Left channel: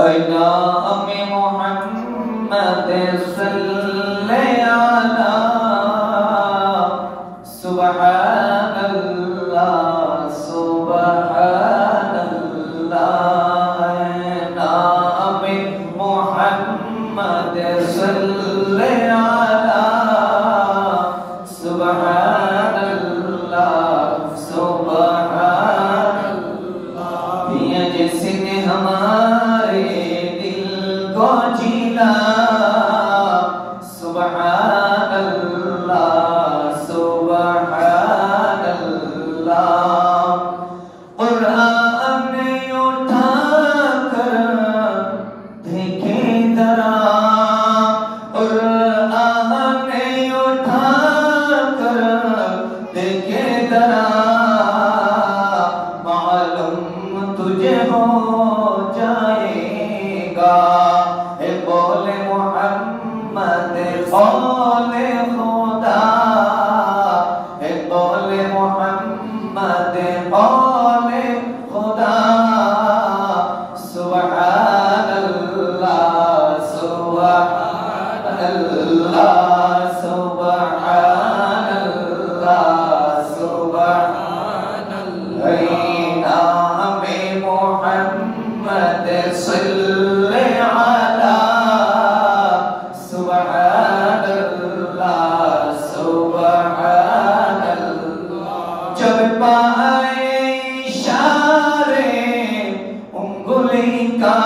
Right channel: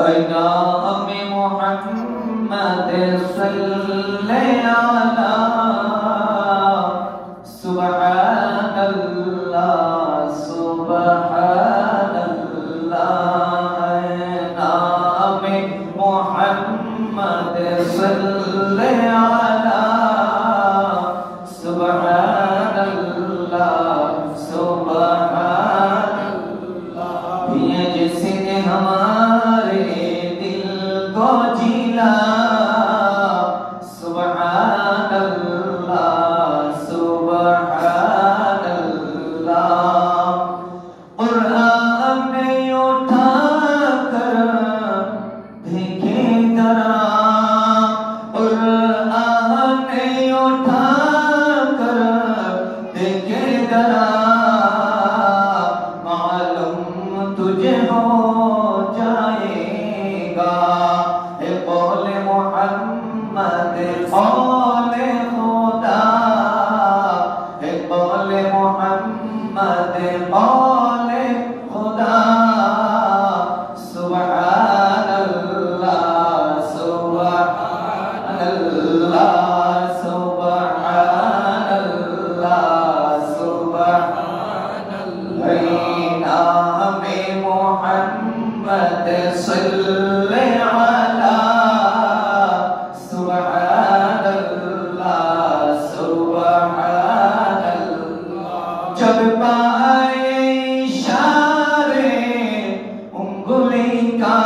नाम मोहम्मद सल्ले अला सुब्हानल्लाह सुब्हानल्लाह। नाम मोहम्मद सल्ले अला सुब्हानल्लाह सुब्हानल्लाह। ये जिसने हमारे दिल को जीना सुब्हानल्लाह सुब्हानल्लाह। कुरान उठा कर देखे जरा, कुरान उठा कर देखे जरा, मालूम तुझे हो जाएगा ए कौले मोहम्मद कौले खुदा, ए कौले मोहम्मद कौले खुदा। सुब्हानल्लाह सुब्हानल्लाह सुब्हानल्लाह सुब्हानल्लाह। नाम मोहम्मद सल्ले अला सुब्हानल्लाह सुब्हानल्लाह। जब पाए इशारे उंगली का,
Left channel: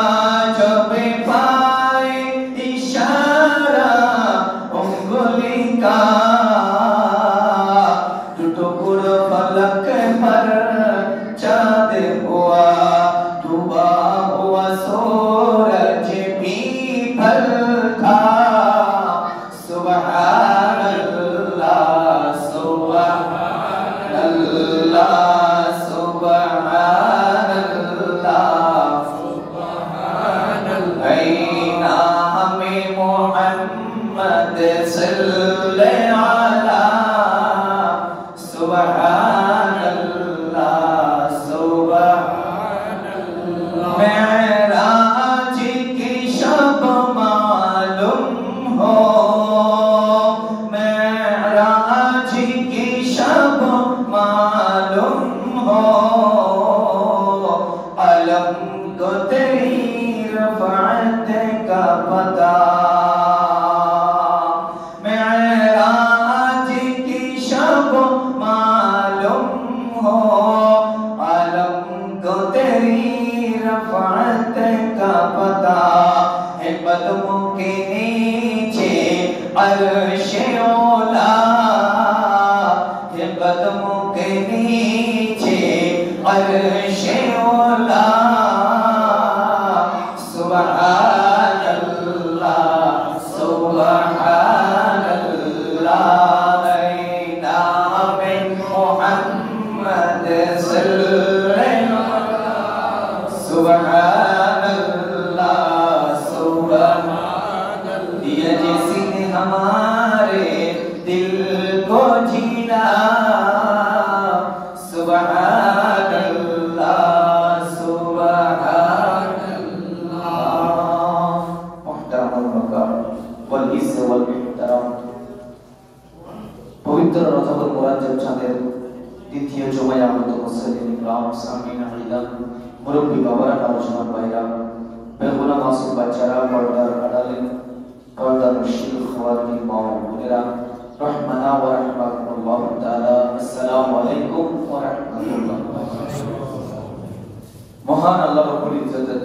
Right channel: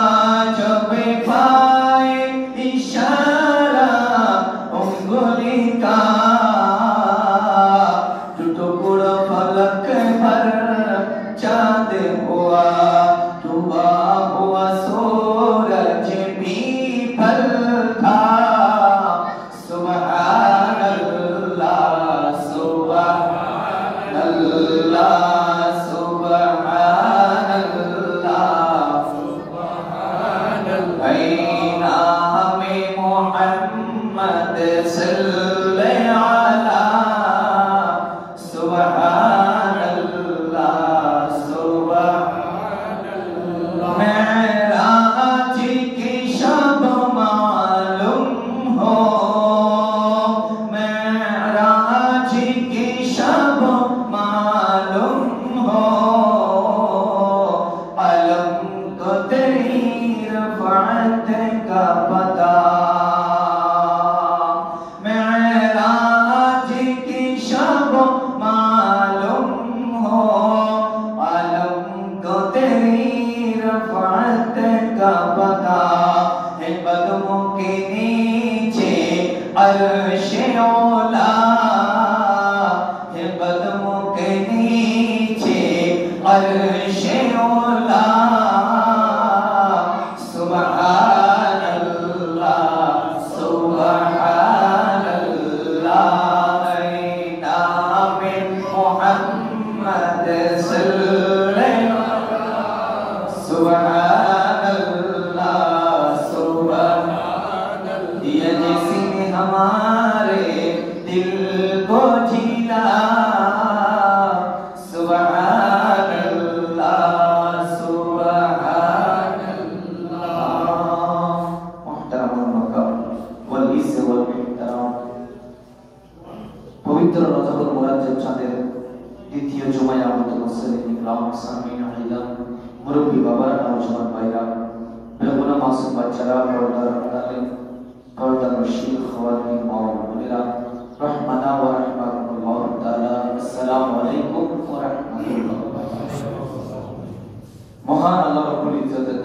जब पाए इशारा उंगली का, टुकड़ा फलक पर चाँद हुआ, डूबा हुआ सूरज भी फल था। सुब्हानल्लाह सुब्हानल्लाह सुब्हानल्लाह सुब्हानल्लाह। नाम मोहम्मद सल्ले अला सुब्हानल्लाह सुब्हानल्लाह। मेराज की शब मालूम हो, मेराज की शब मालूम हो, अलम को तेरी रफ़अत का पता। मेराज की शब मालूम हो, अलम को तेरी रफ़अत का पता। है कदमों के नीचे अर्श-ए औला, है कदमों के नीचे अर्श-ए औला। सुब्हानल्लाह सुब्हानल्लाह। नाम मोहम्मद सल्ले अला सुब्हानल्लाह सुब्हानल्लाह। ये जिसने हमारे दिल को जीना सुब्हानल्लाह सुब्हानल्लाह। मुहतरम वल इज़्ज़ वल इहतराम। पवित्र रजबुल मुराज्जब চাঁদের দ্বিতীয় জুমায় আগত মুসলিম ইকরাম সামিন আলিদান মুরব্বী বাবারা নওজওয়ান ভাইরা বেগুনা মাসুম বাচ্চারা পর্দার আড়ালে পর্দার মুশকিল খাওয়াতিন মা ও বোনেরা রহমানা ওয়া রাহমাতুল্লাহ তাআলা। আসসালামু আলাইকুম ওয়া রাহমাতুল্লাহ। মহান আল্লাহ রাব্বুল ইজ্জতের